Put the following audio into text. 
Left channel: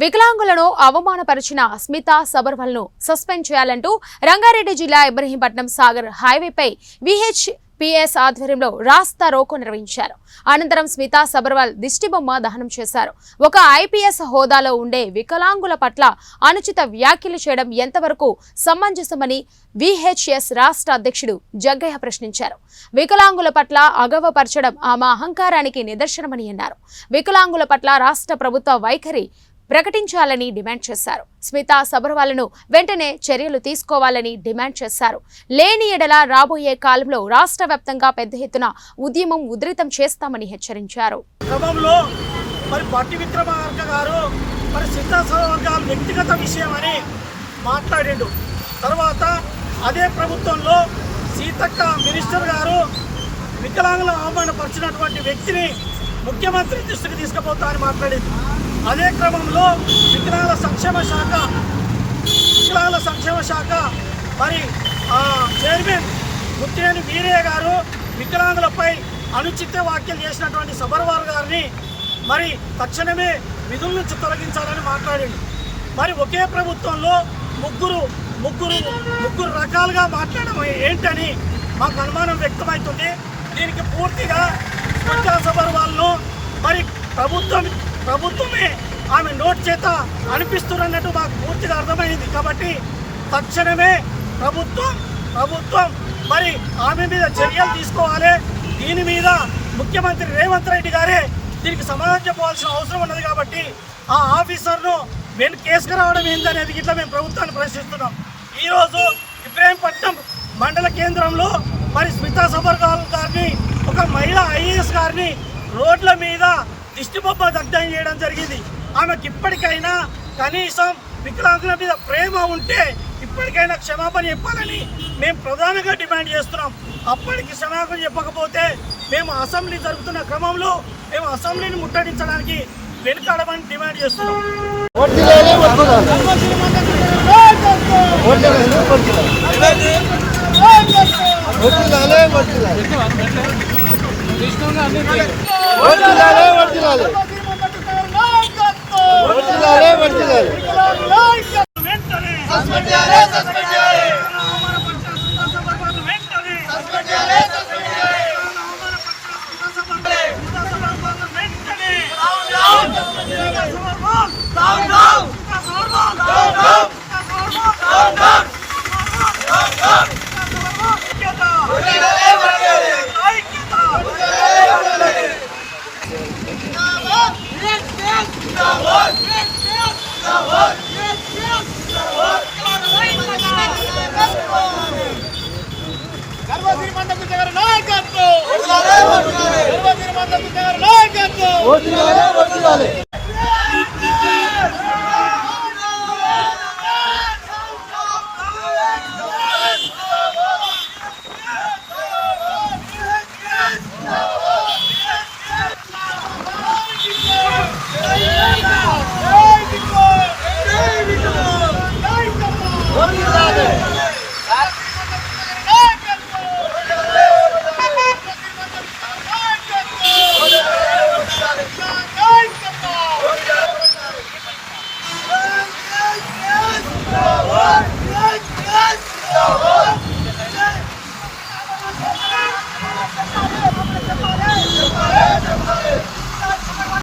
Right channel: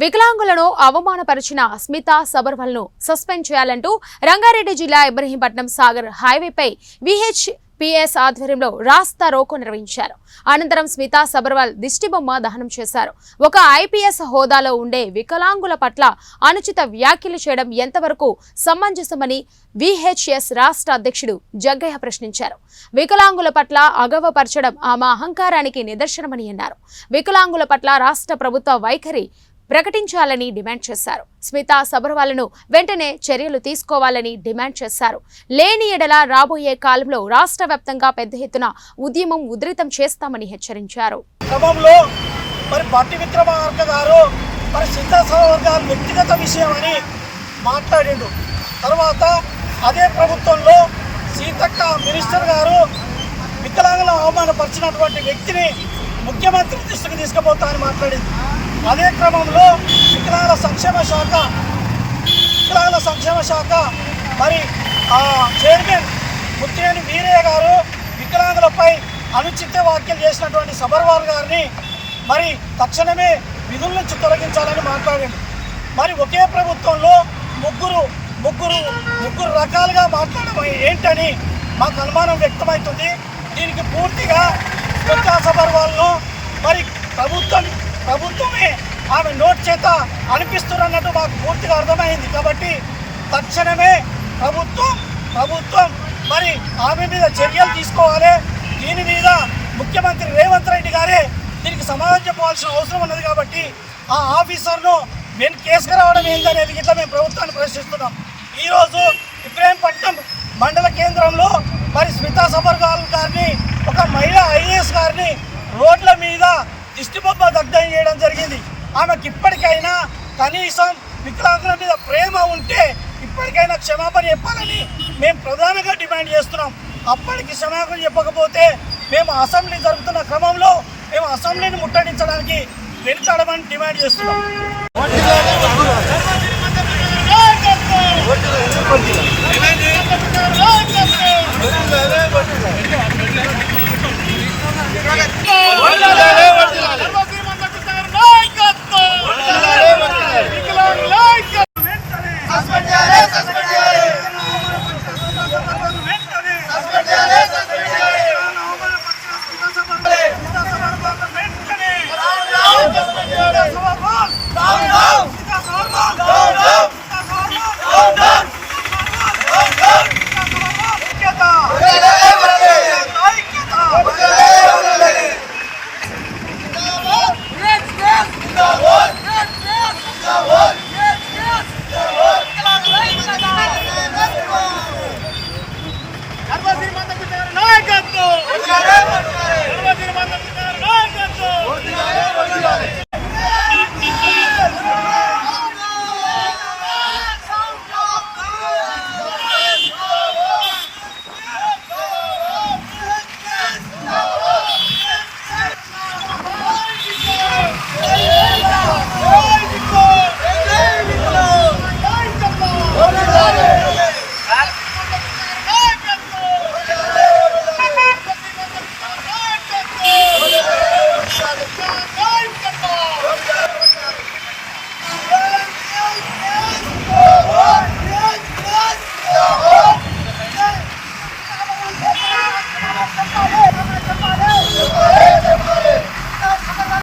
వికలాంగులను అవమానపరిచిన స్మిత సబర్వాల్ ను సస్పెండ్ చేయాలంటూ రంగారెడ్డి జిల్లా ఇబ్రహీంపట్నం సాగర్ హైవేపై విహెచ్పిఎస్ ఆధ్వర్యంలో రాస్తా రోకో నిర్వహించారు. అనంతరం స్మిత సబర్వాల్ దిష్టిబొమ్మ దహనం చేశారు. ఒక ఐపీఎస్ హోదాలో ఉండే వికలాంగుల పట్ల అనుచిత వ్యాఖ్యలు చేయడం ఎంతవరకు సమంజసమని విహెచ్ఎస్ రాష్ట్ర అధ్యక్షుడు జగ్గయ్య ప్రశ్నించారు. వికలాంగుల పట్ల అగౌరవపరచడం ఆమె అహంకారానికి నిదర్శనమని అన్నారు. వికలాంగుల పట్ల రాష్ట్ర ప్రభుత్వ వైఖరి ప్రకటించాలని డిమాండ్ చేశారు. స్మిత సబర్వాల్ను వెంటనే చర్యలు తీసుకోవాలని డిమాండ్ చేశారు. లేని ఎడల రాబోయే కాలంలో రాష్ట్ర వ్యాప్తంగా పెద్ద ఎత్తున ఉద్యమం ఉధృతం చేస్తామని హెచ్చరించారు. క్రమంలో మరి బట్టి విక్రమార్క గారు మరి స్మిత సబర్వాల్ వ్యక్తిగత విషయం అని మాట్లాడిండు. తర్వాత అదే ప్రభుత్వంలో సీతక్క మినిస్టర్ గారు వికలాంగులను అవమానపరిచినటువంటి వ్యక్తిని ముఖ్యమంత్రి దృష్టికి తీసుకుపోతా అని మాట్లాడింది. అదే క్రమంలో వికలాంగుల సంక్షేమ శాఖ మరి చైర్మన్ ముత్తినేని వీరయ్య గారు వికలాంగులపై అనుచిత వ్యాఖ్యలు చేసినటువంటి సబర్వాల్ గారిని మరి తక్షణమే విధుల నుంచి తొలగించాలని మాట్లాడింది. మరి ఒకే ప్రభుత్వంలో ముగ్గురు రకాలుగా మాట్లాడడం ఏంటని మాకు అనుమానం వ్యక్తమవుతుంది. దీనికి పూర్తిగా స్మిత సబర్వాల్ను మరి ప్రభుత్వమే ఆమె నోట్ చేత అనిపిస్తున్నట్టు మాకు పూర్తిగా అర్థమైంది. కాబట్టి తక్షణమే ప్రభుత్వం మరి ఆమె మీద చర్యలు తీసుకోవాలి. దీని మీద ముఖ్యమంత్రి రేవంత్ రెడ్డి గారే దీనికి సమాధానం చెప్పవలసిన అవసరం ఉన్నది. కాబట్టి ఆ ఆఫీసర్ను కేసుకు రావడం ఏందనేది ఇట్లా మేము ప్రభుత్వాన్ని ప్రశ్నిస్తున్నాం. ఈరోజు ఇబ్రహీంపట్నం మండల కేంద్రంలో మరి స్మిత సబర్వాల్ గారిని ఒక మహిళా ఐఏఎస్ గారిని రోడ్ల మీద దిష్టిబొమ్మ దగ్ధం చేయడం జరిగింది. ఆమెకి ఇప్పటికైనా కనీసం వికలాంగుల మీద ప్రేమ ఉంటే ఇప్పటికైనా క్షమాపణ చెప్పాలని మేము ప్రధానంగా డిమాండ్ చేస్తున్నాం. అప్పటికి క్షమాపణ చెప్పకపోతే మేము అసెంబ్లీ జరుగుతున్న క్రమంలో మేము అసెంబ్లీని ముట్టడించడానికి వెనుకాడమని డిమాండ్ చేస్తున్నాం. వర్ధిల్లాలి